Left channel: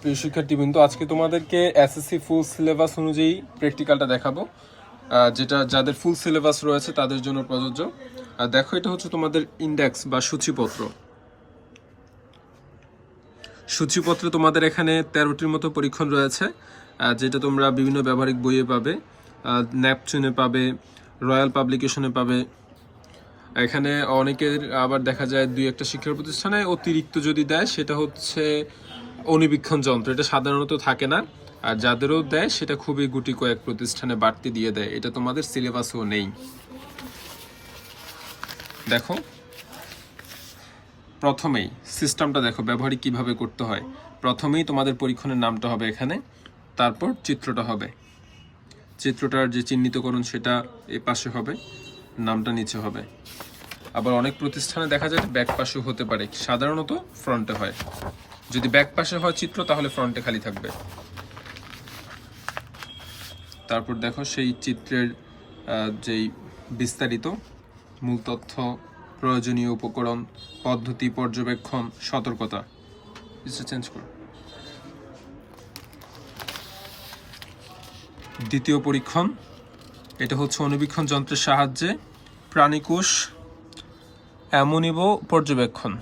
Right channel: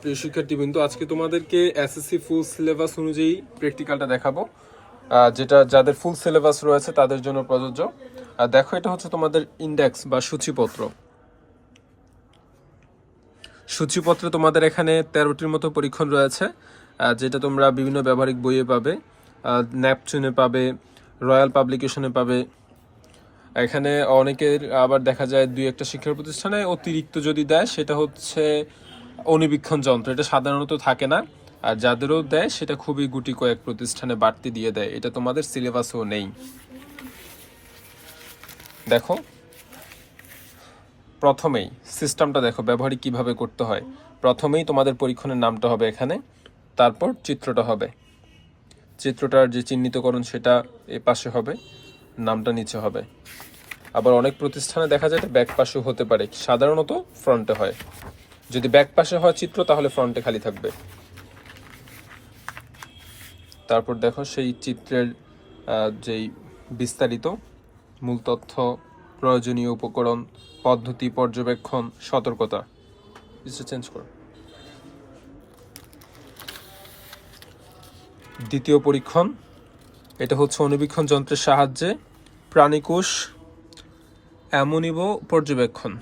প্রিয় শিক্ষার্থীবৃন্দ, আজকে তোমাদেরকে এসএসসি ফুল সিলেবাস অনুযায়ী প্র্যাকটিক্যালটা দেখাবো যেটা যাদের ফুল সিলেবাস রয়েছে তাদের জন্য প্রযোজ্য। আর দেখো, এটা হচ্ছে তোমাদের ইন্ডেক্স বা সূচিপত্র। সূচিপত্রে তোমাদের এখানে তেরোটির মতো পরীক্ষণ রয়েছে যেটা তোমরা বিভিন্ন ব্যবহারিক বইয়ে পাবে ন্যাপচুনে পাবে রয়্যাল পাবলিকেশনে পাবে। এখানে অনেকের আবার দেখা যায় দুই একটা শিক্ষা প্রতিষ্ঠানে অতিরিক্ত যদি দেয়, সেটা হচ্ছে অণুবীক্ষণ যন্ত্র, এটা সাধারণত থাকে না। আর যাদেরও দেয়, সেটা খুবই গুটি কয়েক প্রতিষ্ঠানে বাড়তি দিয়ে দেয়। এটা তোমাদের সিলেবাসেও নেই। দেখো, প্রথমেই সিস্টেমটা দেখো, ব্যবহারিক কীভাবে করতে হয়। প্রথমেই তোমাদের পরীক্ষণের নামটা হবে এখানে, তারপর চিত্রটা হবে। চিত্রটার যে চিহ্নিতকরণ, সেটা এ পাশে হবে, নামটা নিচে হবে। আবার অনেক প্রতিষ্ঠানে দেখা যায় ব্যাক পাশে হতে পারে, সাধারণত ফ্রন্টে হয়। যদি ব্যাক পাশে হয় চিত্র, তাহলে ফ্রন্টে খালি থাকবে। তারপর দেখো সেই চিত্রের যেই বিস্তারিত মূল তথ্য, প্রয়োজনীয় উপকরণ, পদ্ধতি, পর্যবেক্ষণ, সতর্কতা। চেঞ্জ করো। দ্বিতীয় পরীক্ষণ, এটা হচ্ছে অনুবীক্ষণ যন্ত্রের সাহায্যে প্রাণীকোষ, অ্যামোনিব পর্যবেক্ষণ।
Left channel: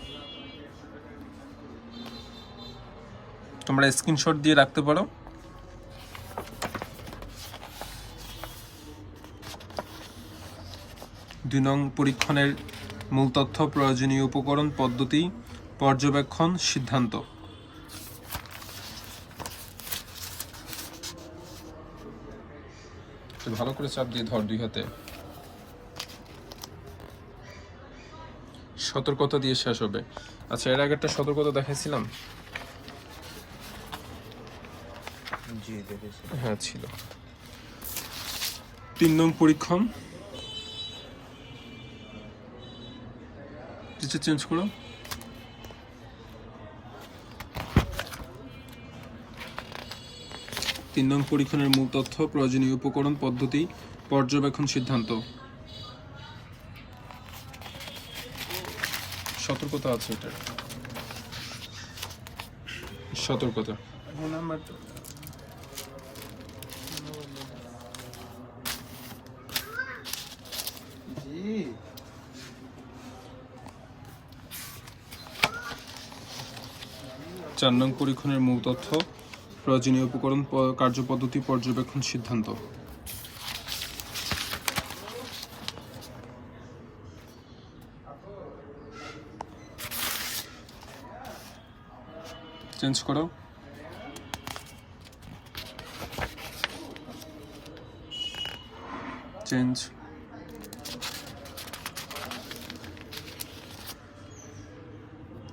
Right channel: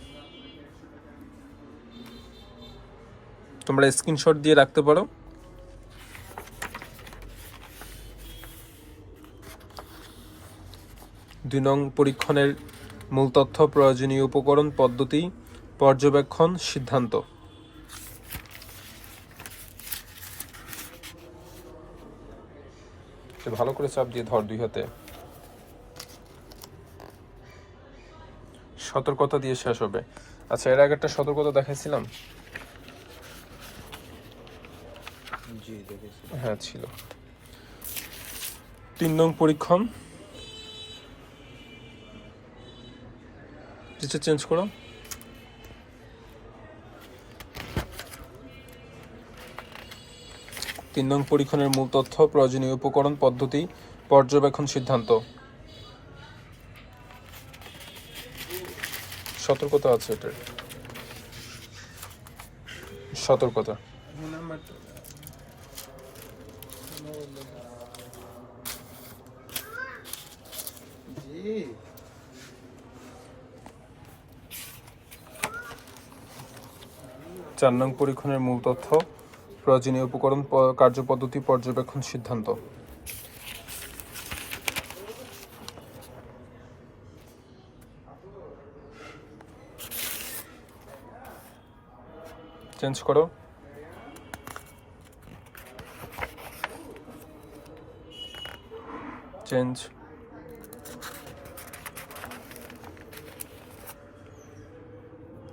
তোমরা স্ক্রিনশট দিয়ে রাখতে পারো। দুই নং পরীক্ষণের মূল তথ্য, প্রয়োজনীয় উপকরণ, পদ্ধতি, পর্যবেক্ষণ, সিদ্ধান্ত। ভালো করে চাপ দিয়ে ধর দুই হাতে। সতর্কতা দিয়ে শেষ হবে। আচ্ছা এর আগে একটা সতর্কতা দেখাইছিলাম জি দেখেছি হ্যাঁ ছিল। তিন নং পরীক্ষণ। টিচার চেঞ্জ করো। তিন নং পরীক্ষণের মূল তথ্য প্রয়োজনীয় উপকরণ পদ্ধতি পর্যবেক্ষণ সিদ্ধান্ত। সতর্কতা আছে এটার। সতর্কতা। চার নং পরীক্ষণের মূল তথ্য প্রয়োজনীয় উপকরণ কার্যপদ্ধতি পর্যবেক্ষণ সিদ্ধান্ত। চেঞ্জ করো। চেঞ্জ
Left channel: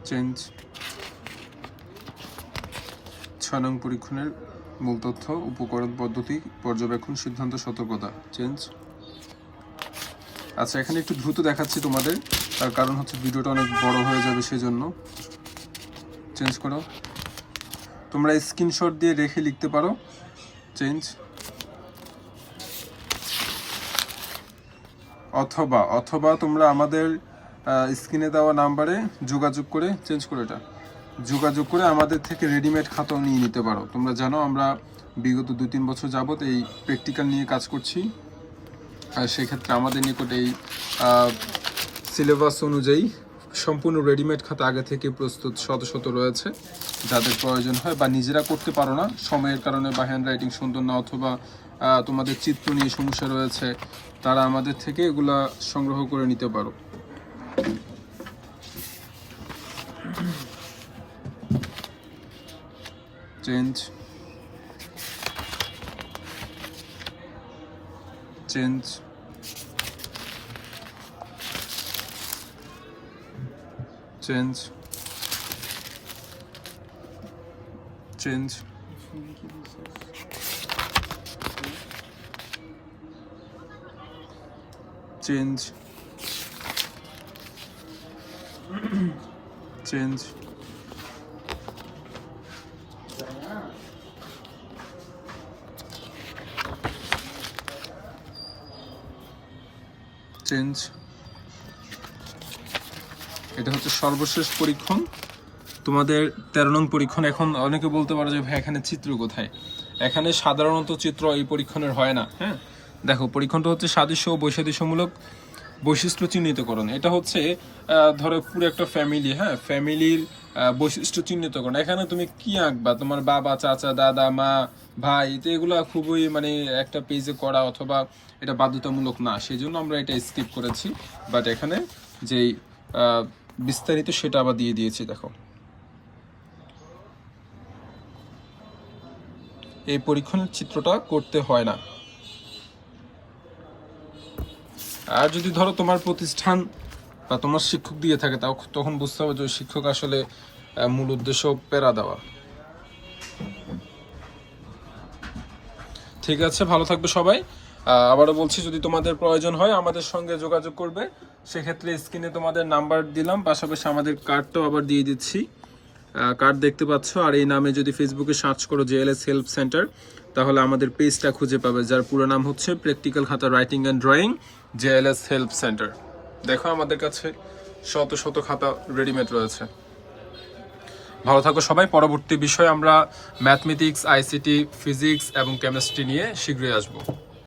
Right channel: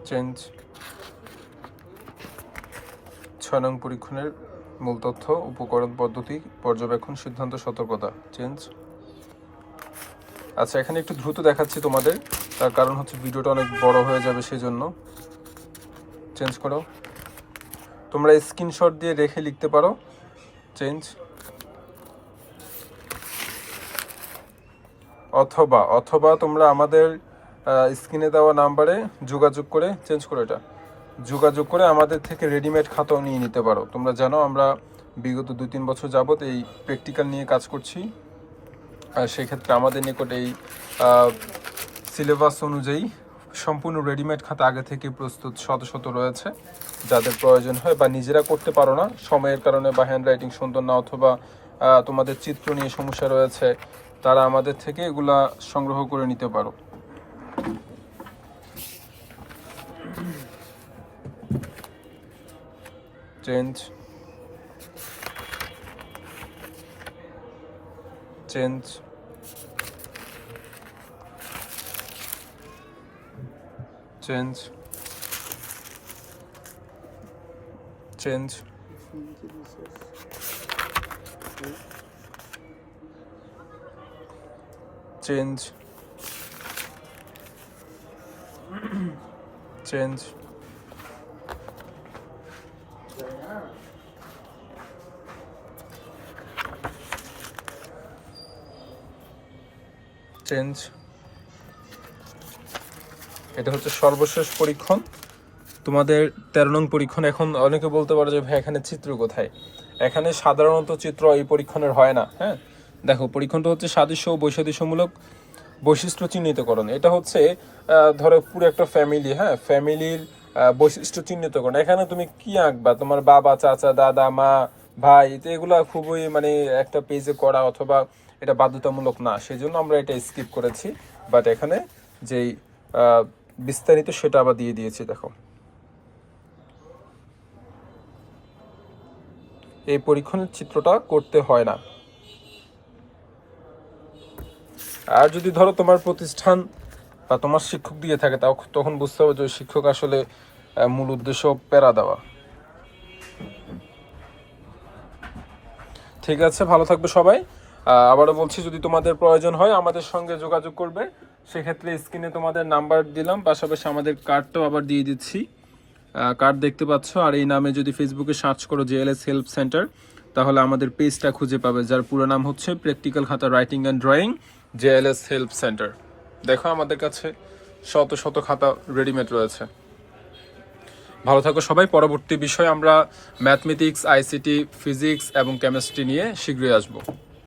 চেঞ্জ ছয় নং পরীক্ষণের মূল তথ্য, উপকরণ পদ্ধতি, পর্যবেক্ষণ সিদ্ধান্ত সতর্কতা। চেঞ্জ আচ্ছা এখানে একটু দ্রুত দেখাচ্ছি তোমাদের। তার কারণ হচ্ছে ভিডিওটা অনেক বড় হয়ে যাবে সেই জন্য চেঞ্জ করো। তোমরা স্ক্রিনশট দিয়ে রেখে লিখতে পারো। চেঞ্জ অথবা অথবা তোমরা আমাদের স্ক্রিনে দেওয়া নাম্বারে যোগাযোগ করে চেঞ্জ করে এটা। যোগাযোগ করে আমাদের থেকে রেডিমেড খাতাও নিয়ে নিতে পারো। তোমরা জানো আমরা বিগত দু তিন বছর যাবত এই প্র্যাকটিক্যাল নিয়ে কাজ করছি। আর সেক্ষেত্রে আমাদের নিকট এই সিলেবাস অনুযায়ী সম্পূর্ণ রেডিমেড খাতা আগে থেকে প্রস্তুত শত শত রয়েছে। যাদের প্রয়োজন হয় বা নিজেরা করতে পারো না, সময়ের কারণে বা হ্যান্ড রাইটিং সুন্দর না অথবা তোমাদের চিত্র নিয়ে সমস্যা রয়েছে তারা আমাদের থেকে এগুলা সংগ্রহ করে নিতে পারো। Change change change change change change change এটা হচ্ছে সর্বশেষ পরীক্ষণ। তোমাদের তেরো নং পরীক্ষণ এখন অনেকে বলতে পারো যে ভাই, এখানে চিত্র কোথায়? এখানে সাধারণত চিত্র এই পরীক্ষণের হয় না হ্যাঁ? দেখো পরীক্ষণটা হচ্ছে সাদৃশ্য ও বৈসাদৃশ্যমূলক বৈশিষ্ট্য চিহ্নিতকরণ। এটা হচ্ছে ধরো পুরো একটা ফ্যামিলি হ্যাঁ? ফ্যামিলির বৈশিষ্ট্য চিহ্নিতকরণ। এখানে তুমি কি আঁকবা? তোমার বাবা, চাচা, দাদা, মা, ভাই, তো এগুলো খুবই মানে একটা পেজে করা অথবা এটা বাধ্যতামূলক না। সেই জন্য আমরা এটা স্কিপ করেছি। বাট এখানে যেই বিস্তারিত সেটা আবার দিয়ে দিয়েছি, দেখো। এই পরীক্ষণের চিত্রটা করতে হয় না। আর যদি ধরো তোমার প্রতিষ্ঠান বা তোমার শিক্ষক দিয়ে থাকে, তাও তখন বুঝতে হবে যে শিক্ষক আসলে মূল উদ্দেশ্য প্যারা দেওয়া। ঠিক আছে, ভালো থাকবে সবাই। আবারও বলছি, যদি তোমাদের প্রয়োজন হয়, আমাদের সঙ্গে যোগাযোগ করবে। সেক্ষেত্রে স্ক্রিনে তোমাদের নাম্বার দিলাম, পাশাপাশি আমাদের কার্ডটাও আবার দিয়ে দিচ্ছি। কার্ড দেখতে পাচ্ছ, আর এই নামে যদি ফেসবুকে সার্চ করো, জেএলএস হেল্প সেন্টার তাহলে আমাদের পেজটা খুঁজে পাবে, যার পুরো নাম হচ্ছে প্র্যাকটিক্যাল খাতা writing and drawing JLS help centre দেখো আমাদের কাছে শত শত খাতা রেডিমেড রয়েছে। ভালো থাকো সবাই, পরবর্তী বিষয়ে আমরা ম্যাথমেটিক্স আইসিটি ফিজিক্স এবং কেমিস্ট্রি নিয়ে শীঘ্রই আসব।